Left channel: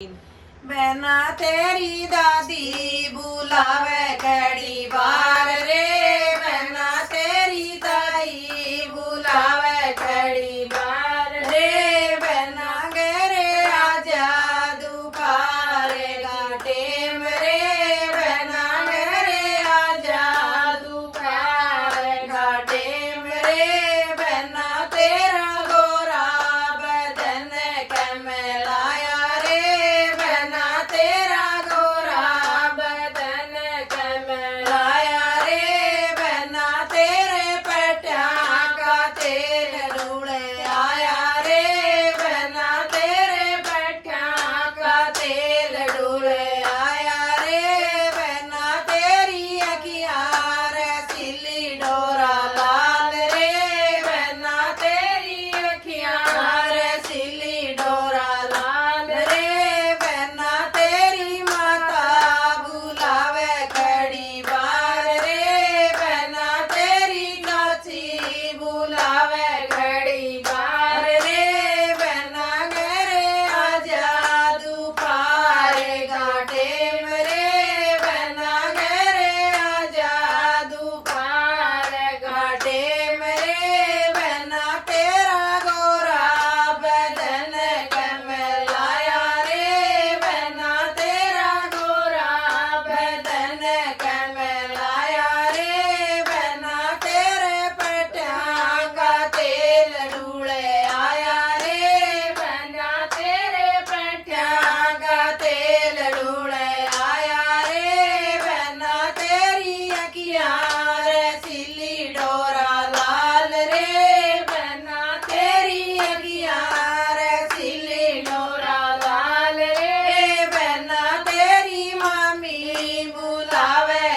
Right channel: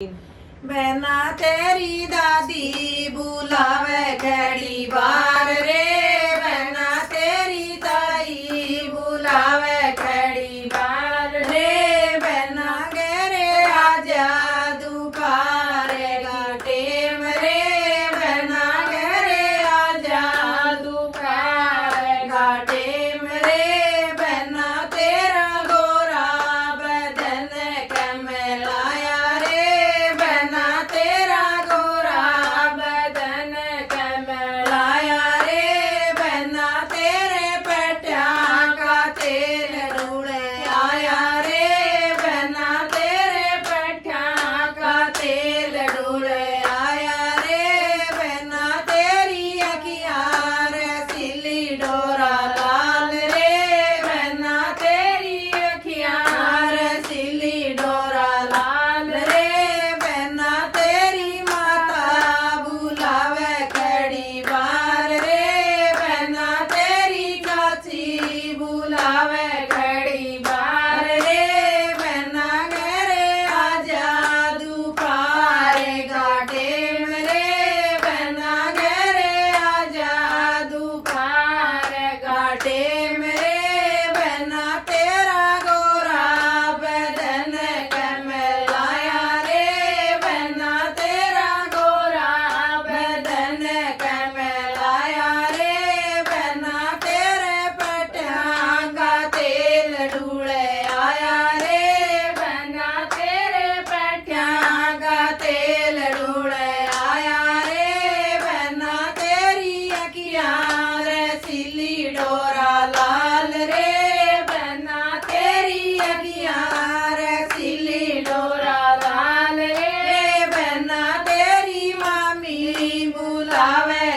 बहना तेरी दादी बुलावे घड़ी बार रे, बहना तेरी ताई बुलावे घड़ी बार रे, बहना गेरे आजा दुपारे टेम रे, बहना गेरे आजा दुपारे टेम रे, बहना तेरा गोरा बदन कमलाया रे, बहना तेरा गोरा बदन कमलाया रे, बहना तेरे पट्या का तेल रूड़े आया रे, बहना तेरे पट्या का तेल रूड़े आया रे, बहना तेरी अखियाँ रसीली डोरा लाल रे, बहना तेरी अखियाँ रसीली डोरा लाल रे, बहना तेरी माता बुलावे घड़ी बार रे, बहना तेरी चाची बुलावे घड़ी बार रे, बहना घरे आजा दुपारे घाटे मरे, बहना घरे आजा दुपारे घाटे मरे, बहना तेरा गोरा बदन कमलाया रे, बहना तेरा गोरा बदन कमलाया रे, बहना तेरे पट्या का तेल डूले आया रे, बहना तेरे पट्या का तेल डूले आया रे, बहना तेरी अखियाँ रसीली डोरा लाल रे, बहना तेरी अखियाँ रसीली डोरा लाल रे, बहना तेरी मामी बुलावे